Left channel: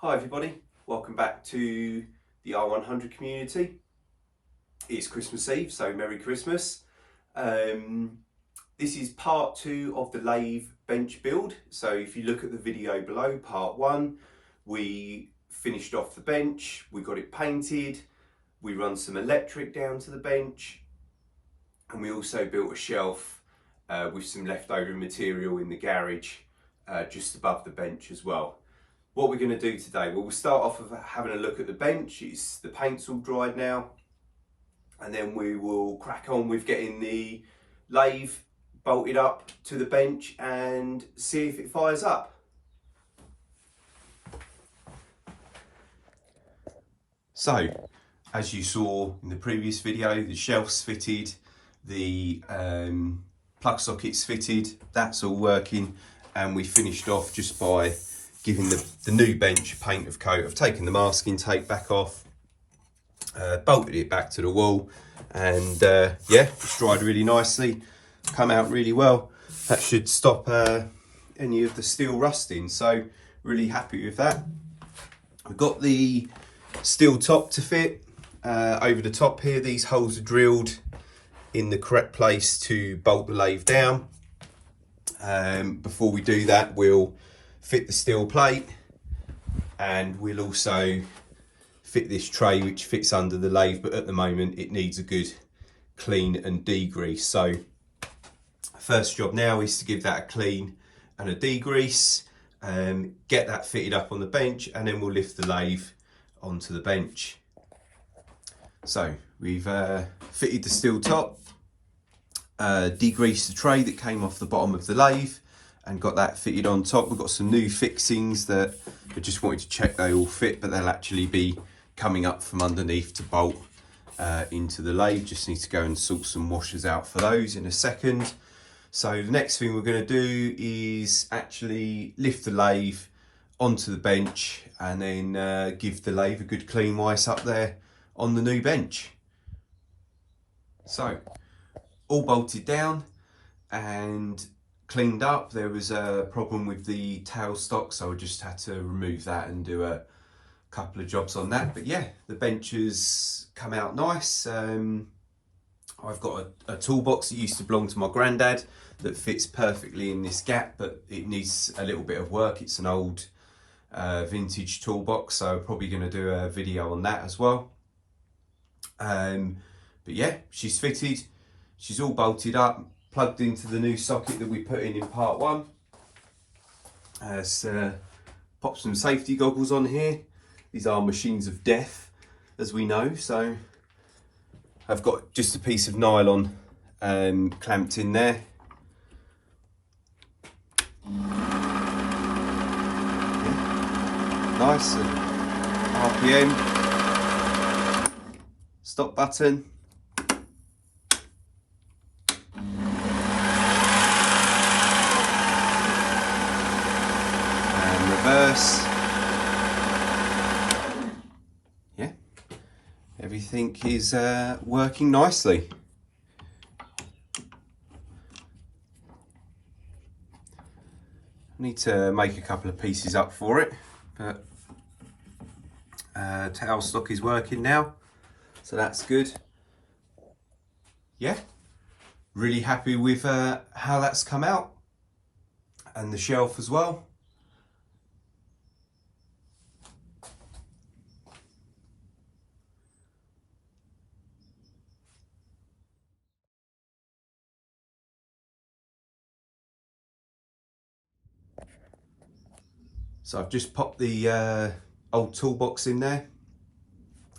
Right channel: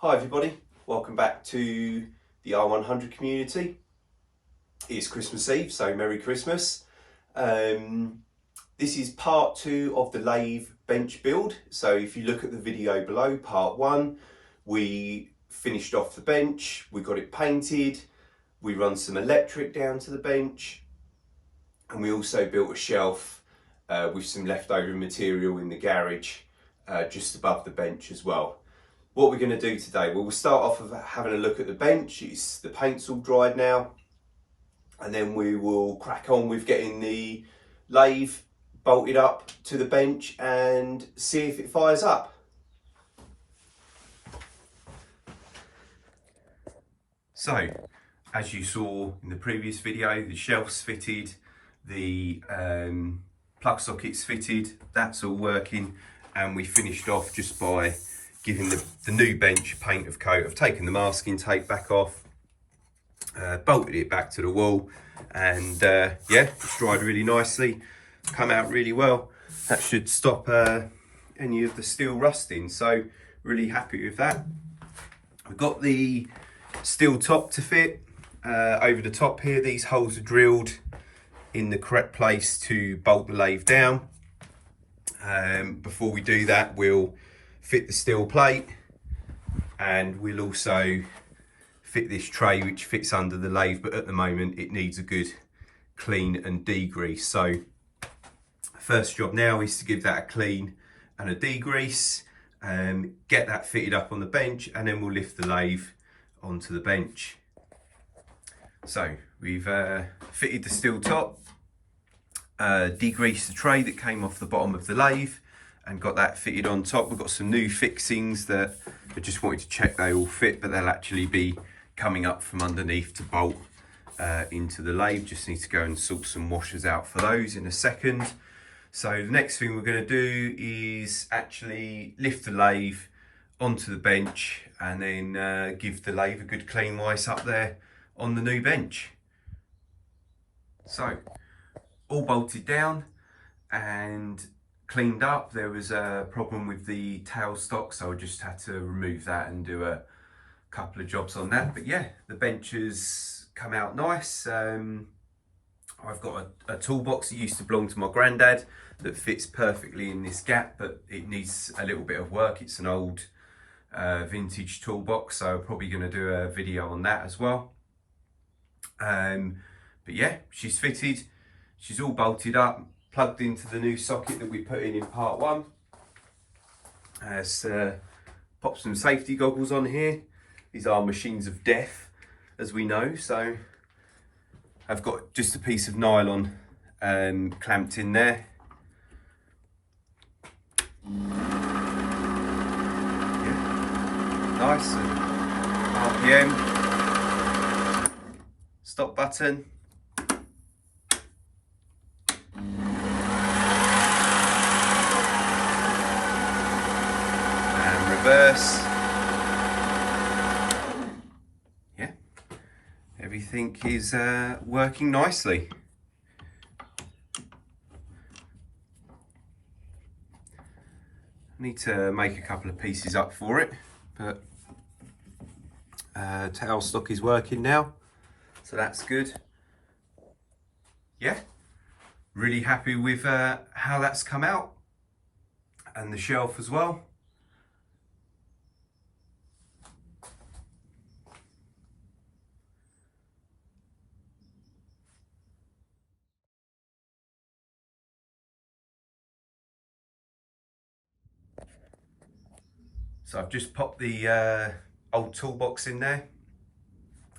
Hi everybody, welcome back to the R100 community. It's Christmas Eve, so Merry Christmas. This is part 2 of the lathe bench build. So if you look at the video below, part 1, we finished off the bench, we got it painted, we run some electric down to the bench, and we also built a shelf with some leftover material in the garage just above the bench as well. What we're going to do today, well, we'll start off with having a look at the bench. The paint's all dried now, and then we will crack on with getting the lathe bolted up to the bench and see if it fires up. So, as you saw in the previous video, the shelf's fitted, the plug socket's fitted, that's all working, and we finished off just by giving the new bench paint of coat. I've taken the masking tape back off, bolted it back to the wall, and yeah, it's dried really nicely, come out really well. That should stop any of the steel rusting, so really happy with that. We've got the steel top to fit over the top here. These holes are drilled in the correct place to bolt the lathe down. Before we do that, we'll fit the steel plate, and we'll also fit this tray which fits under the lathe, but at the moment it needs a good clean and degrease. So first job now is to give that a clean and a degrease, get that fitted up on the bench, and then we'll lift the lathe onto the bench. So we've fitted the steel top, degreased the tray that came off the bottom of the lathe, and got that fitted on top. We've got some new fixings that I just wanted to check they all fit, but they'll actually be coming up from underneath to bolt into the lathe. Just need to go and sort some washers out for those in a second. So the next thing we're going to do is actually lift the lathe onto the bench, and then give the lathe a good clean wipe up there on the new bench. So all bolted down and cleaned up. There was a problem with the tailstock, so I just had to remove that and do a couple of jobs on that. But yeah, the bench has come out nice. I've got a toolbox that used to belong to my granddad that fits perfectly in this gap, but it needs a little bit of work. It's an old vintage toolbox, so I'm probably going to do a video on that as well. But yeah, she's fitted, she's all bolted up, plugged into the new socket that we put in part 1. Let's pop some safety goggles on here. These are machines of death, as we know. So I've got just a piece of nylon clamped in there. Yeah. Nice. RPM. Stop button. Reverse. Yeah, everything is working nicely. I need to make a couple of pieces up for it, but tailstock is working now, so that's good. Yeah, really happy with how that's come out, and the shelf as well. So I've just popped the old toolbox in there.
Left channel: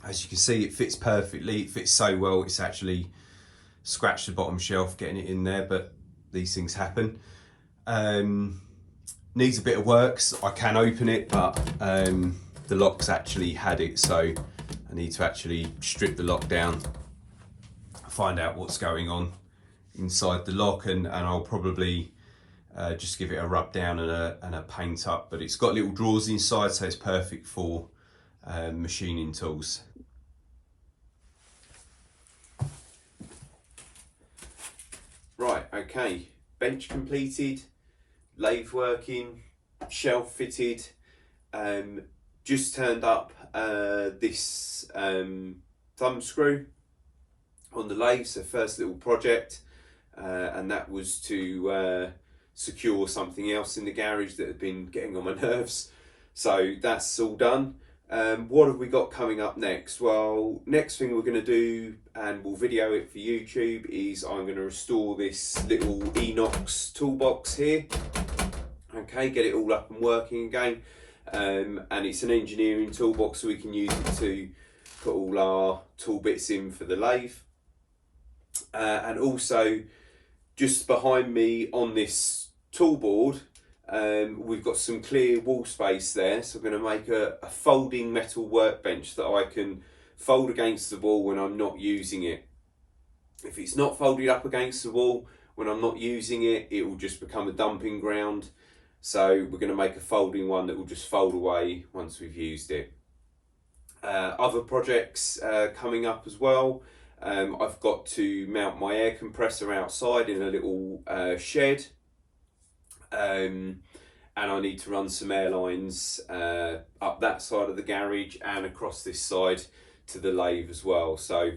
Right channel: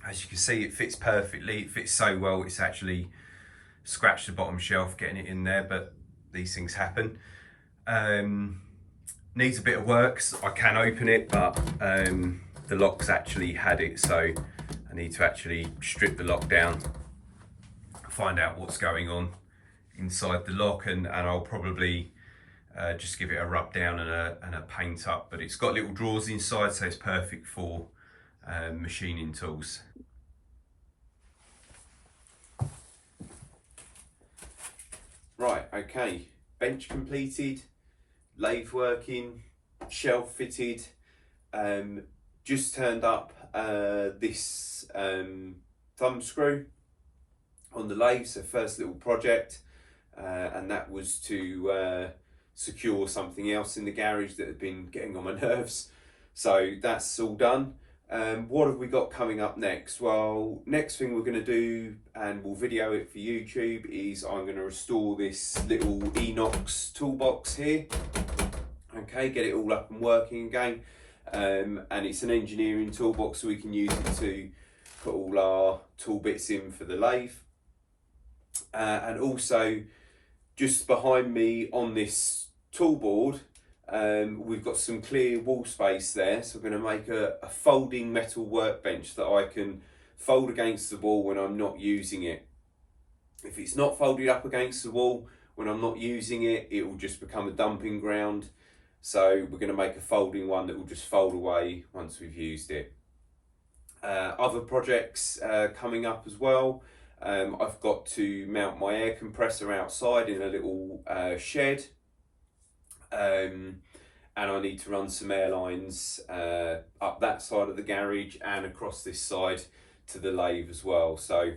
As you can see, it fits perfectly. It fits so well, it's actually scratched the bottom shelf getting it in there, but these things happen. Needs a bit of work. So I can open it, but the lock's actually had it, so I need to actually strip the lock down, find out what's going on inside the lock, and I'll probably just give it a rub down and a paint up. But it's got little drawers inside, so it's perfect for machining tools. Right, okay, bench completed, lathe working, shelf fitted. just turned up this thumb screw on the lathe, so first little project, and that was to secure something else in the garage that had been getting on my nerves. So that's all done. What have we got coming up next? Well, next thing we're going to do, and we'll video it for YouTube, is I'm going to restore this little Enox toolbox here. Okay, get it all up and working again. And it's an engineering toolbox, so we can use it to put all our tool bits in for the lathe. And also, just behind me on this tool board, we've got some clear wall space there, so I'm going to make a folding metal workbench that I can fold against the wall when I'm not using it. If it's not folded up against the wall when I'm not using it, it will just become a dumping ground. So we're going to make a folding one that will just fold away once we've used it. Other projects coming up as well. I've got to mount my air compressor outside in a little shed. And I need to run some air lines up that side of the garage and across this side to the lathe as well. So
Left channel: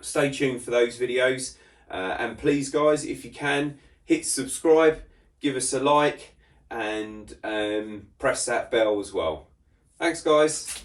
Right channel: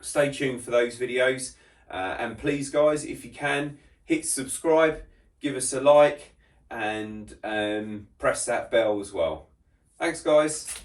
stay tuned for those videos, and please guys, if you can, hit subscribe, give us a like, and press that bell as well. Thanks guys.